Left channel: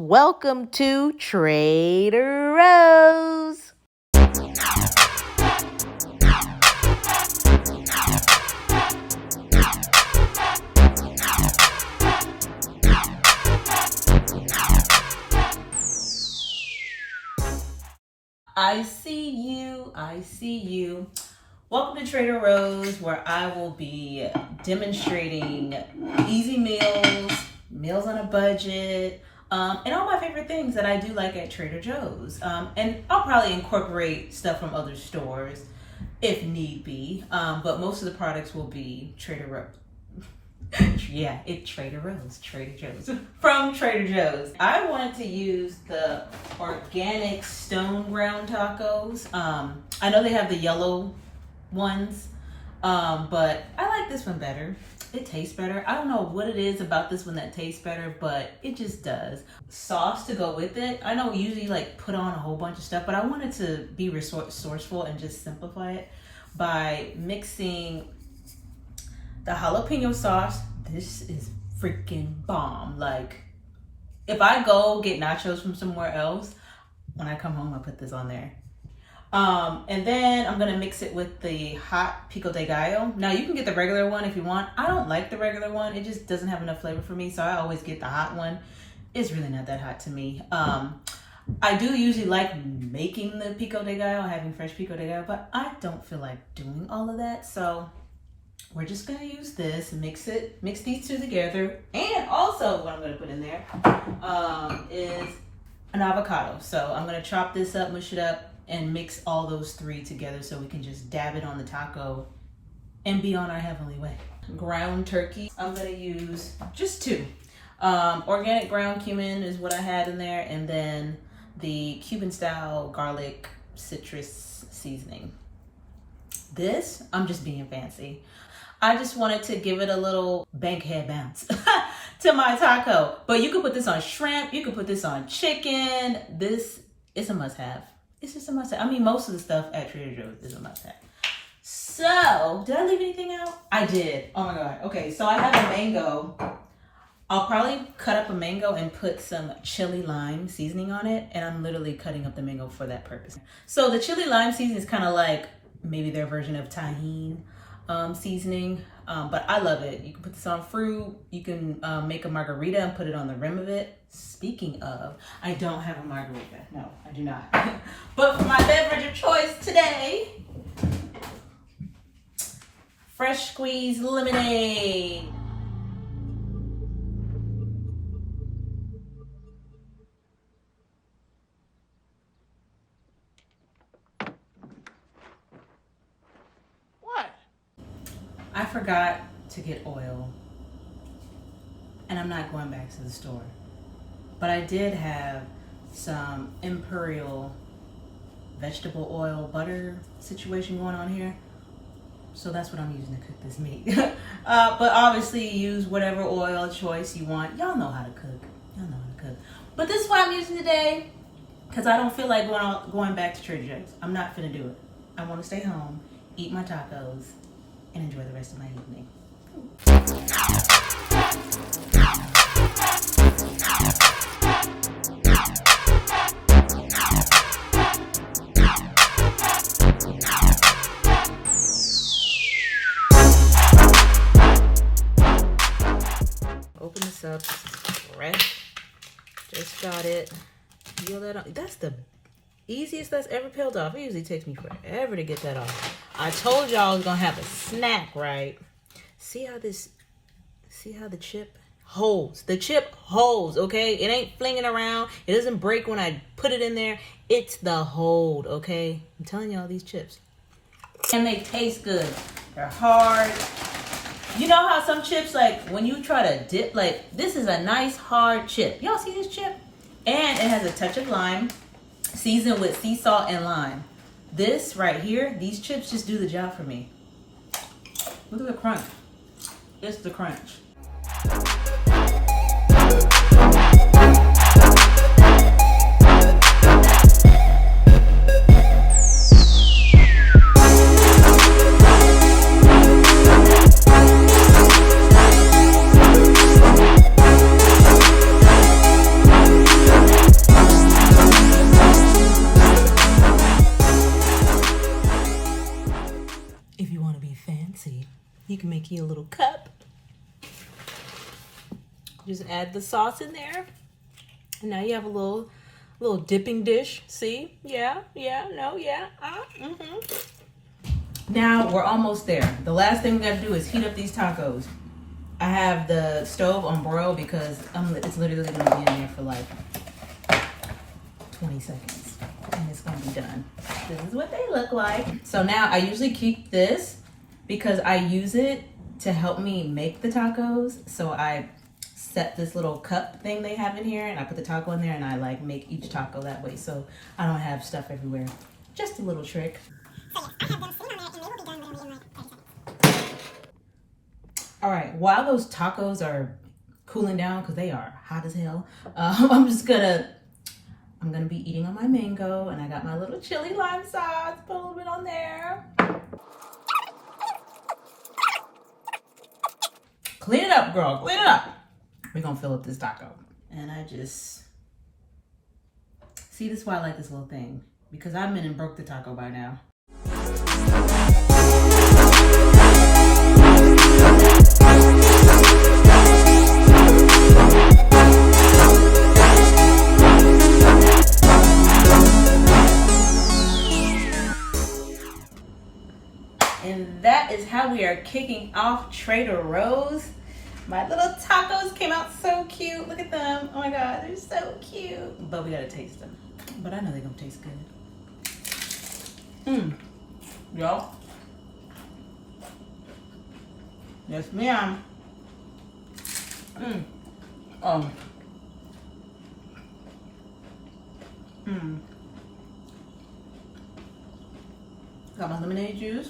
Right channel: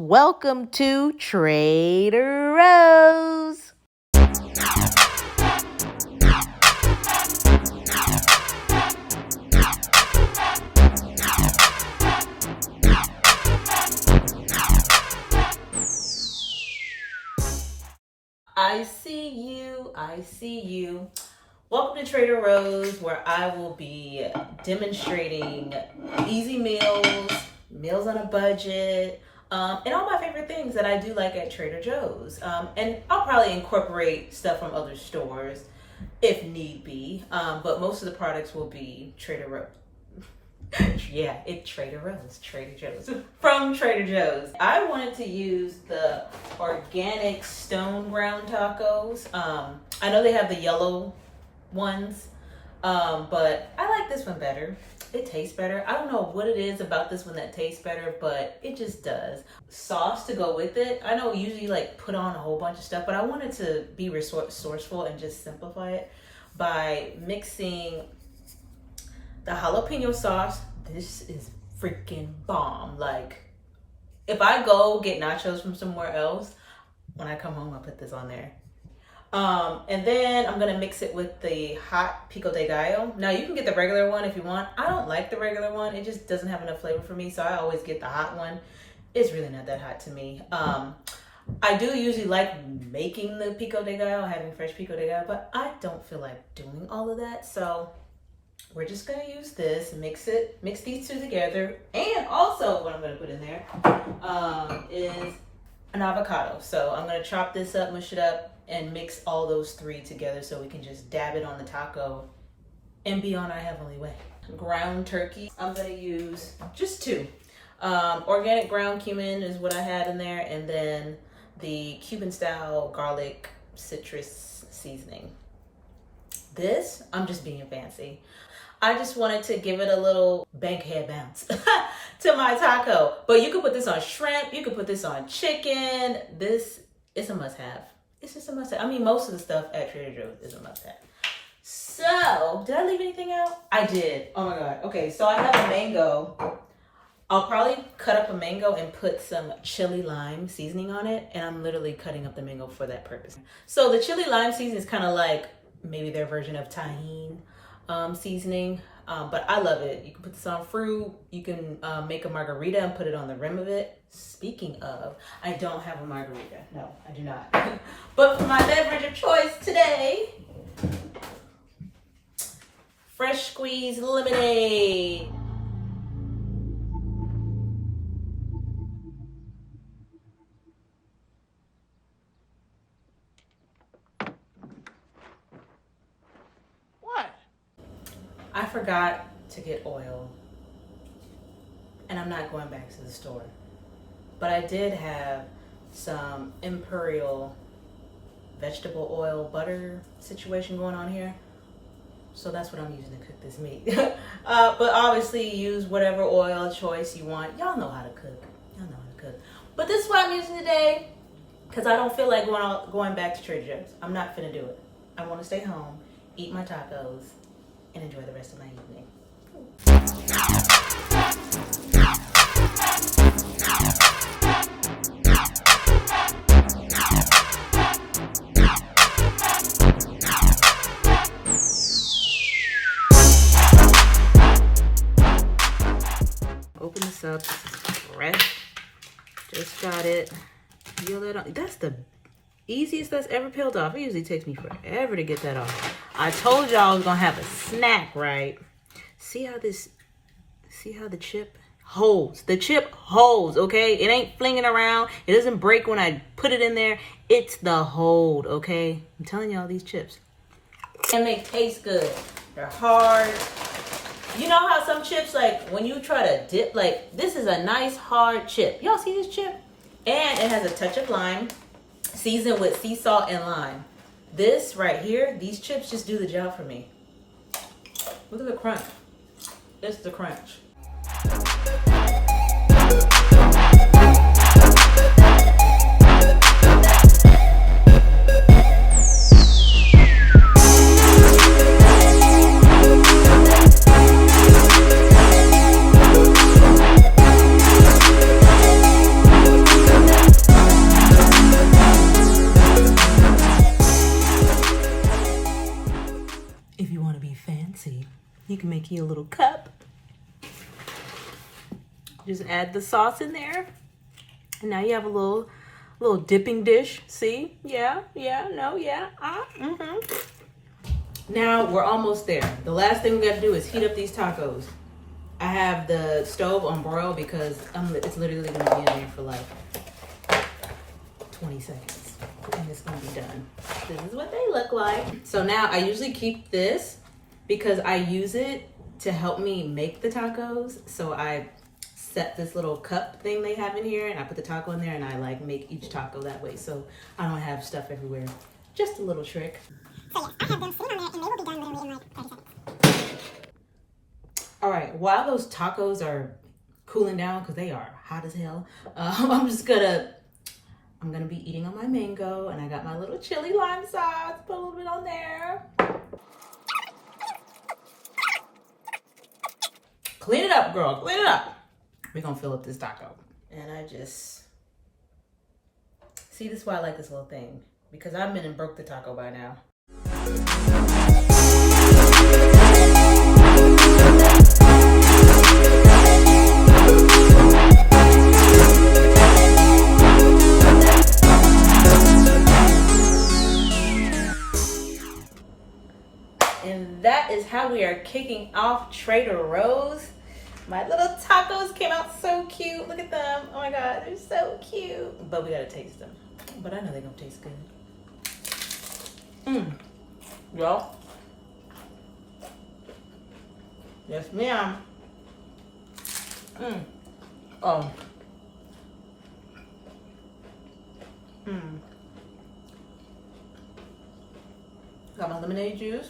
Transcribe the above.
Welcome to Trader Rose. I see you. I see you. Welcome to Trader Rose, where I will be demonstrating easy meals, meals on a budget, and all my favorite things that I do like at Trader Joe's. And I'll probably incorporate stuff from other stores if need be, but most of the products will be Trader Rose. Yeah, it's Trader Rose, Trader Joe's, from Trader Joe's. I wanted to use the organic stone ground tacos. I know they have the yellow ones, but I like this one better. It tastes better. I don't know what it is about this one that tastes better, but it just does. Sauce to go with it. I know we usually like put on a whole bunch of stuff, but I wanted to be resourceful and just simplify it by mixing the jalapeno sauce. This is freaking bomb. Like, if I go get nachos from somewhere else, when I come home, I'll put this on there. And then I'm gonna mix it with the hot Pico de Gallo. Now you can get the regular one if you want. I don't like the regular one. It just doesn't have enough flavor for me, so I always get the hot one. It's really not that hot to me. I do usually like making the Pico de Gallo, having fresh Pico de Gallo, but I don't feel like doing all of that, so we're just gonna use this and mix these two together. And also what I'm gonna put in there is an avocado. So I'm gonna chop this up, mush it up, and mix all those three together so we can just dab it on the taco and be on our heavenly way. Ground turkey, I'm gonna use just two. Organic ground cumin is what I had in there, and then the Cuban style garlic citrus seasoning. This, I'm just being fancy. I just wanted to give it a little bankhead bounce to my taco. But you could put this on shrimp, you could put this on chicken. This is a must-have. It's just a must-have. I mean, most of the stuff at Trader Joe's is a must-have. So, did I leave anything out? I did. Oh my God. Okay, so I have a mango. I'll probably cut up a mango and put some chili lime seasoning on it. And I'm literally cutting up the mango for that purpose. So the chili lime seasoning is kind of like maybe their version of tahini seasoning, but I love it. You can put this on fruit. You can make a margarita and put it on the rim of it. Speaking of, I don't have a margarita. No, I do not. But for my beverage of choice today, fresh squeezed lemonade. I forgot to get oil, and I'm not going back to the store, but I did have some Imperial vegetable oil butter situation going on here, so that's what I'm using to cook this meat. But obviously use whatever oil choice you want. Y'all know how to cook. Y'all know how to cook. But this is what I'm using today, because I don't feel like going back to Trader Joe's. I'm not finna do it. I want to stay home, eat my tacos, and enjoy the rest of my evening. Open this up. This is fresh. Just got it. Peel it off. That's the easiest that's ever peeled off. It usually takes me forever to get that off. I told y'all I was gonna have a snack, right? See how the chip holds? The chip holds, okay? It ain't flinging around. It doesn't break when I put it in there. It's the hold, okay? I'm telling y'all, these chips. And they taste good. They're hard. You know how some chips, like when you try to dip, like this is a nice hard chip. Y'all see this chip? And it has a touch of lime, seasoned with sea salt and lime. This right here, these chips just do the job for me. Look at the crunch. It's the crunch. making you a little cup. Just add the sauce in there. And now you have a little dipping dish. See? Yeah. Now we're almost there. The last thing we got to do is heat up these tacos. I have the stove on broil because it's literally going to be in there for like 20 seconds. And it's going to be done. This is what they look like. So now I usually keep this because I use it to help me make the tacos. So I set this little cup thing they have in here and I put the taco in there and I like make each taco that way so I don't have stuff everywhere. Just a little trick. So yeah, I have them sitting on there and they will be done literally in like 30 seconds. All right, while those tacos are cooling down because they are hot as hell, I'm gonna be eating on my mango and I got my little chili lime sauce, put a little bit on there. Clean it up, girl, clean it up. We're gonna fill up this taco. And I just, see, this is why I like this little thing. Because I've been and broke the taco by now. And that is how we are kicking off Trader Rose. My little tacos came out so cute. Look at them. Oh my God, they're so cute. But we gotta taste them. But I know they're gonna taste good. Y'all. Yes, ma'am. Oh. Got my lemonade juice.